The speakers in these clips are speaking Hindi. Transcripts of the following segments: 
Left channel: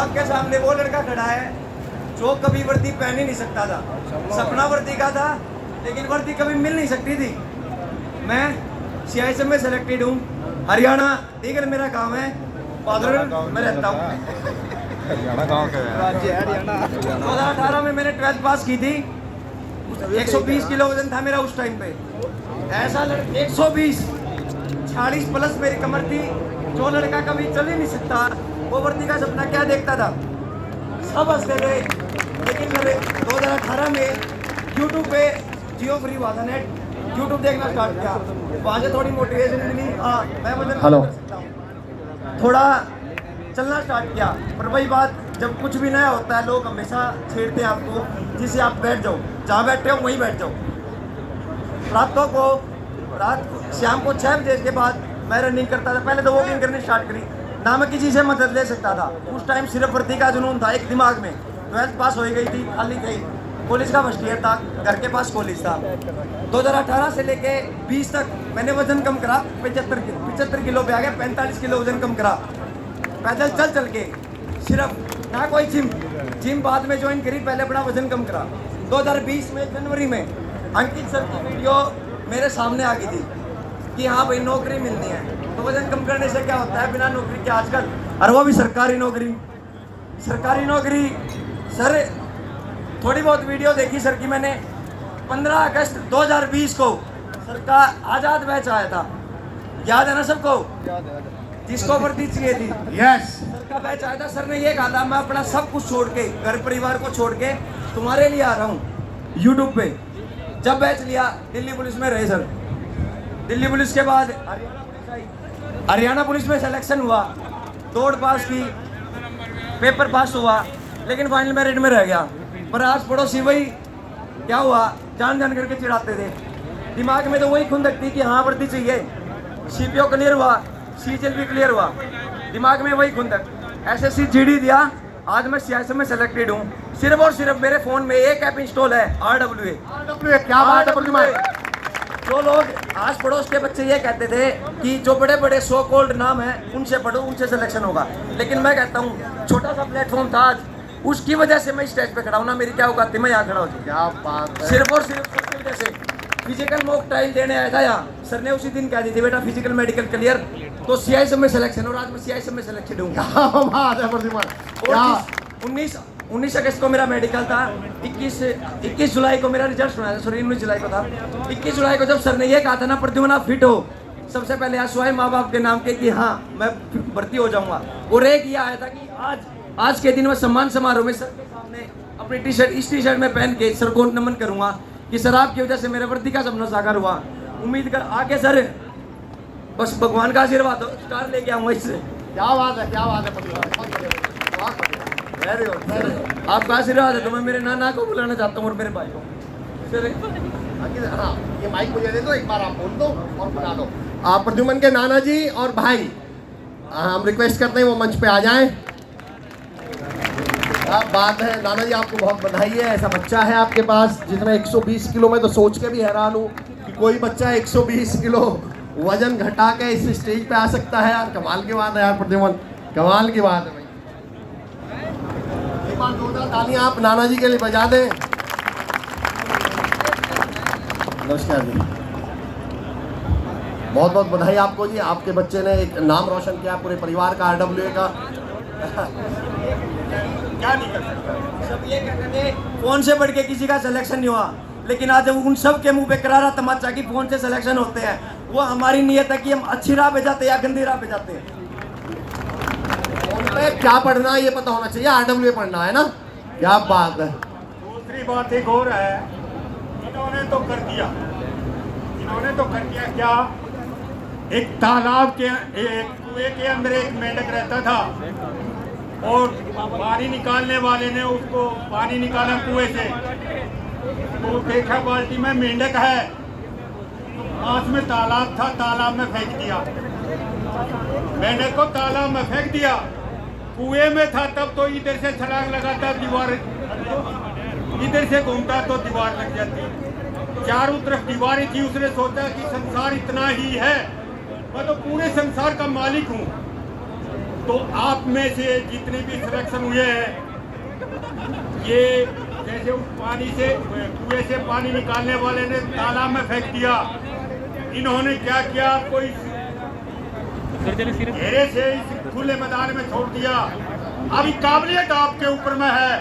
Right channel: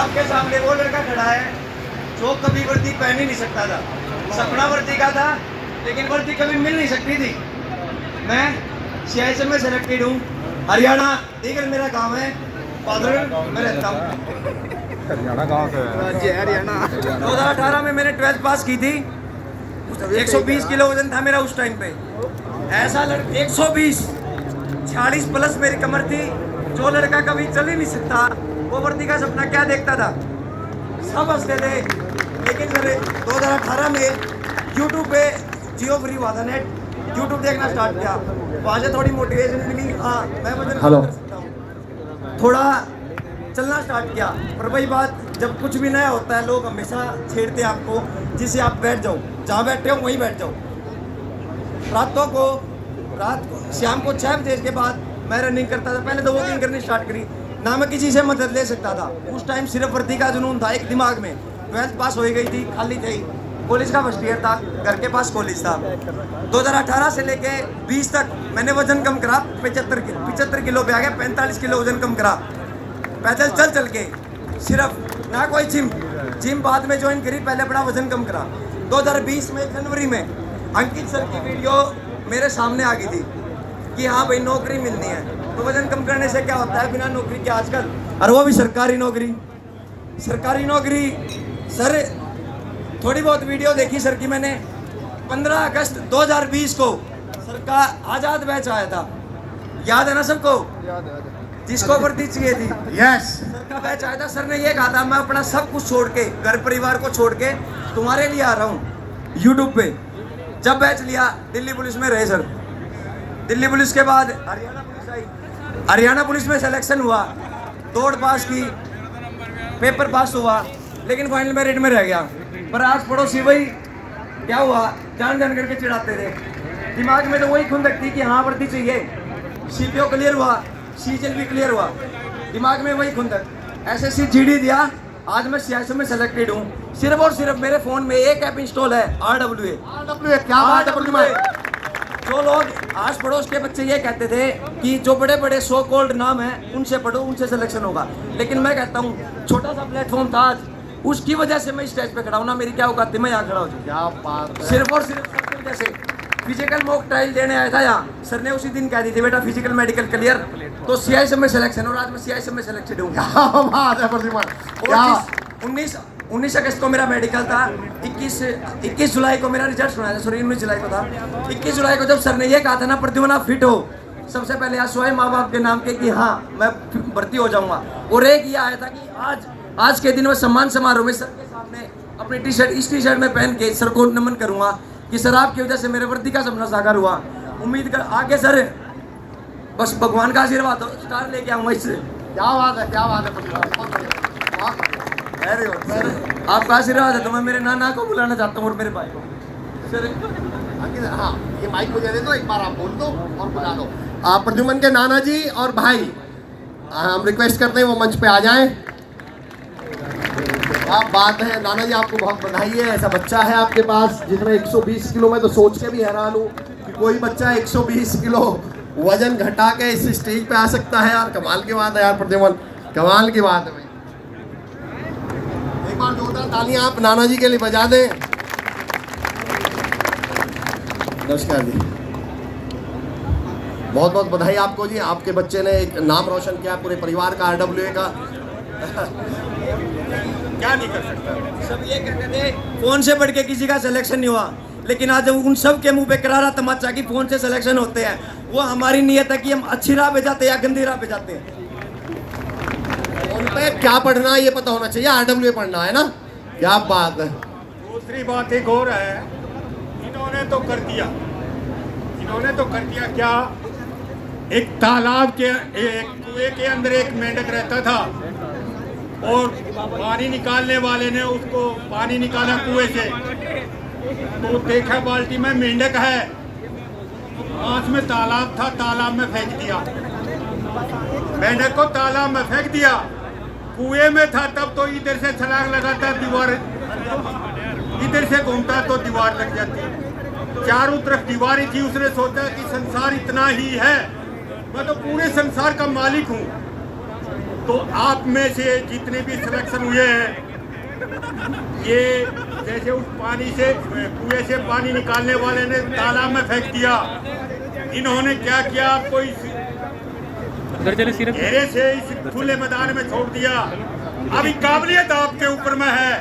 आपके सामने वो लड़का खड़ा है जो कभी वर्दी पहन ही नहीं सकता था। सपना वर्दी का था, लेकिन वर्दी कभी मिल नहीं सकती थी। मैं CISM में सेलेक्टेड हूँ, हरियाणा दीगर मेरा गांव है, पादर में रहता हूँ। हरियाणा गाँव का राज्य हरियाणा। 2018 में मैंने 12th पास की थी। 120 किलो वजन था मेरा उस टाइम पे। ऐसा 120 40 प्लस मेरी कमर थी। जो लड़का कभी चल ही नहीं सकता वो वर्दी का सपना क्या देखता था। सब हंसते थे। लेकिन मैंने 2018 में यूट्यूब पे जियो फ्री हुआ था नेट, यूट्यूब देखना स्टार्ट किया। वहाँ से थोड़ी मोटिवेशन मिली। हाँ मैं वजन कम कर सकता हूँ। थोड़ा चलना स्टार्ट किया। पर वही बात, जब कुछ भी नया होता है लोग हमेशा छेड़ते हैं आपको, जिससे आप बैठ जाओ, जहाँ बैठे हो वहीं बैठ जाओ। रात शाम को 6 बजे के बाद मैं रनिंग करता था। पहले तो वॉकिंग करनी स्टार्ट करी, ना मैं किसी से मदद ले सकता था। उस टाइम सिर्फ वर्दी का जुनून था एक दिमाग में। 12th पास हो गई थी, खाली थी, कॉलेज का फर्स्ट ईयर था, घर के पास कॉलेज था। 2018 से लेके 20 तक मैंने वजन कम करा। 75 किलो पे आ गया, 45 किलो वजन कम करा। पैदल चल के, सिर्फ ना कोई जिम बाद में ज्वाइन करी, पहले अपना वजन कम करा। 2020 में जनवरी में अंकित सर की वीडियो मेरे सामने आ गई थी कि हाँ भाई नौकरी मिलनी है। तो वजन कम करने से क्या होता है, बिना नौकरी के आजकल, और वो भी सरकारी नौकरी। सर थोड़ी बहुत वीडियो देखी सर की मैंने। 15 अगस्त 2020 को सर का आज़ाद बैच आया था, याद है ना सबको? जिसको वर्दी चाहिए थी, यस सर का बैच आया था। सर ने ये कहा था मैं अपना सब कुछ छोड़ के, घर परिवार को छोड़ के तुम्हारे लिए आ रहा हूँ यूट्यूब पे। जब बैच लिया दिल्ली पुलिस में रहे सर। दिल्ली पुलिस के बाद हरियाणा पुलिस आई। हरियाणा पुलिस में सिलेक्शन हुआ, दौड़ पास की, पेपर पास हुआ, लेकिन फाइनल मेरिट में रह गया। पर आज पड़ोसी वही क्या हुआ, जान करके चिढ़ाते थे। दिमाग में तो वही खुंदक थी कि हाँ वर्दी चाहिए। CPO क्लियर हुआ, CGL भी क्लियर हुआ, दिमाग में वही खुंदक। SSC GD दिया, आज मैं CISM में सेलेक्टेड हूँ। सिर्फ और सिर्फ मेरे फोन में एक ऐप इंस्टॉल है, RWA। क्या बात है RWA। जो लोग आस पड़ोस के बच्चे ये कहते थे कि जो बड़े बड़े सो कॉल्ड नाम हैं उनसे पढ़ो, उनसे सिलेक्शन होगा, लेकिन मैं कहता हूँ छोटा सा प्लेटफॉर्म था आज, उसकी वजह से मैं स्टेज पे खड़ा हूँ ना। मेरी क्या औकात थी, मैं यहाँ खड़ा हूँ। क्या बात है। सिर्फ और सिर्फ सबकी वजह से। फिजिकल मॉक ट्रायल देने आया था यहाँ, सर ने उसी दिन कह दी थी बेटा फिजिकल मेडिकल क्लियर, तो CISM में सिलेक्शन, और आज मैं CISM में सिलेक्टेड हूँ। क्या बात है प्रद्युमन। 19 अगस्त को मेरा मेडिकल था। 21 जुलाई को मेरा रिजल्ट सुनाया था, सॉरी 19 जुलाई को था। 21 जुलाई को जब सर ने ये कहा था ना प्रद्युमन आप फिट हो, सबसे पहले आश्वासन माँ बाप के नाम के कि हाँ मैं भर्ती हो जाऊंगा। और एक ये आया था कि आज के दिन में सम्मान समारोह में सर के सामने अपनी इस टी शर्ट में पहन के सर को नमन करूंगा कि सर आपकी वजह से मेरे वर्दी का सपना साकार हुआ। उम्मीद कर आगे सर बस भगवान का आशीर्वाद हो, स्टार लेके आऊंगा इससे। क्या बात है आपका आशीर्वाद है तो मैं मेरे नाना को बुलाना चाहता हूँ और मेरे भाई को। हाँ, ये माइक मुझे दे दो, एक बार आप बोल दो और बुला दो। आप प्रद्युमन के नाना जी और भाई, हम रिक्वेस्ट करते हैं वो मंच पे आ जाएं। क्या बात है नाना जी, आपको बहुत बधाई है। ऐसा बच्चा है आपके पास जिसमें 120 किलो, में तो सोच के भी हैरान हूँ कि कोई बच्चा 120 किलो वजन घटा के इस स्टेज पे आ सकता है। यार कमाल की बात है यार प्रद्युमन, कमाल की बात है। एक बार जोरदार तालियां आप नाना जी के लिए बजा दें। नमस्कार जी, बहुत बहुत बधाई आपको जी। आपके बच्चे ने एक नाम रोशन किया पूरे परिवार का, RWA का। क्या नहीं कर सकता। सब ये कहते थे फोन से बढ़ के किसी का सिलेक्शन नहीं हुआ, लेकिन आज उन सब के मुंह पे करारा तमाचा कि फोन से सिलेक्शन होते हैं। वो हमारी नीयत है कि हम अच्छी राह पे जाते हैं या गंदी राह पे जाते हैं। फोन पे क्या पढ़ना है ये पता होना चाहिए, RWA पढ़ना है ना। क्या बात है। दूसरी बात एक और है, इन्होंने तो कर दिया क्या, एक तालाब के एक कुएं के अंदर एक मेंढक रहता था और पानी निकालने वाले ने उसको पानी निकाला कुएं से, तो देखा बाल्टी में मेंढक है, पास में तालाब था, तालाब में फेंक दिया। मेंढक को तालाब में फेंक दिया, कुएं में था तब तो इधर से छलांग लगाता दीवार, इधर से घूमता तो दीवार लग जाती, चारों तरफ दीवारें थी। उसने सोचा कि संसार इतना ही है, मैं तो पूरे संसार का मालिक हूँ। तो आप में से जितने भी सिलेक्शन हुए हैं, ये जैसे उस पानी से कुएं से पानी निकालने वाले ने तालाब में फेंक दिया, इन्होंने क्या किया, आपको इस घेरे से इस खुले मैदान में छोड़ दिया। अभी काबिलियत आपके ऊपर में है,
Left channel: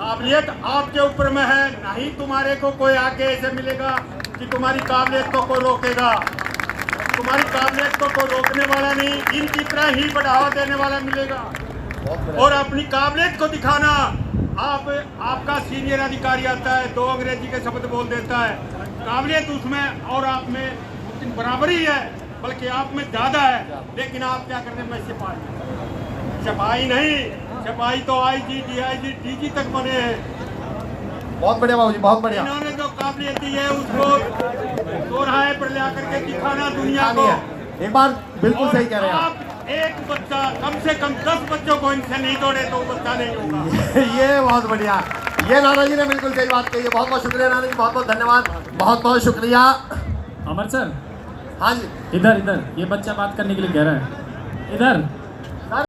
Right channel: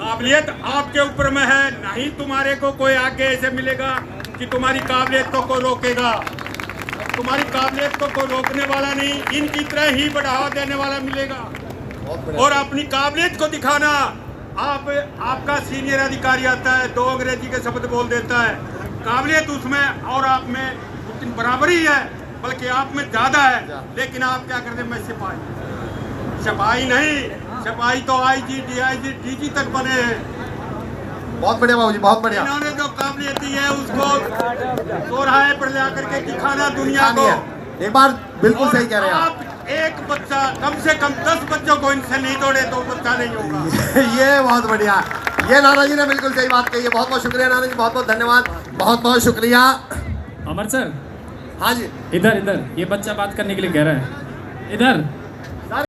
काबिलियत आपके ऊपर में है। नहीं तुम्हारे को कोई आगे ऐसे मिलेगा कि तुम्हारी काबिलियत को कोई रोकेगा, तुम्हारी काबिलियत को कोई रोकने वाला नहीं, इनकी तरह ही बढ़ावा देने वाला मिलेगा। और अपनी काबिलियत को दिखाना, आपका सीनियर अधिकारी आता है, 2 अंग्रेजी के शब्द बोल देता है, काबिलियत उसमें और आप में बराबरी है, बल्कि आप में ज्यादा है, लेकिन आप क्या करते हैं, मैं सिपाही नहीं, सिपाही तो IG, DIG, DG तक बने हैं। बहुत बढ़िया बाबूजी, बहुत बढ़िया। इन्होंने जो काबिलियत दी है उसको चौराहे पर ला करके दिखाना दुनिया को। एक बार बिल्कुल सही कह रहे हैं आप। एक बच्चा, कम से कम 10 बच्चों को इनसे नहीं तोड़े तो बच्चा नहीं होगा। ये बहुत बढ़िया, ये नाना जी ने बिल्कुल सही बात कही है। बहुत बहुत शुक्रिया नाना जी, बहुत बहुत धन्यवाद, बहुत बहुत शुक्रिया। अमर सर, हाँ जी, इधर इधर, ये बच्चा बात करने के लिए कह रहा है, इधर।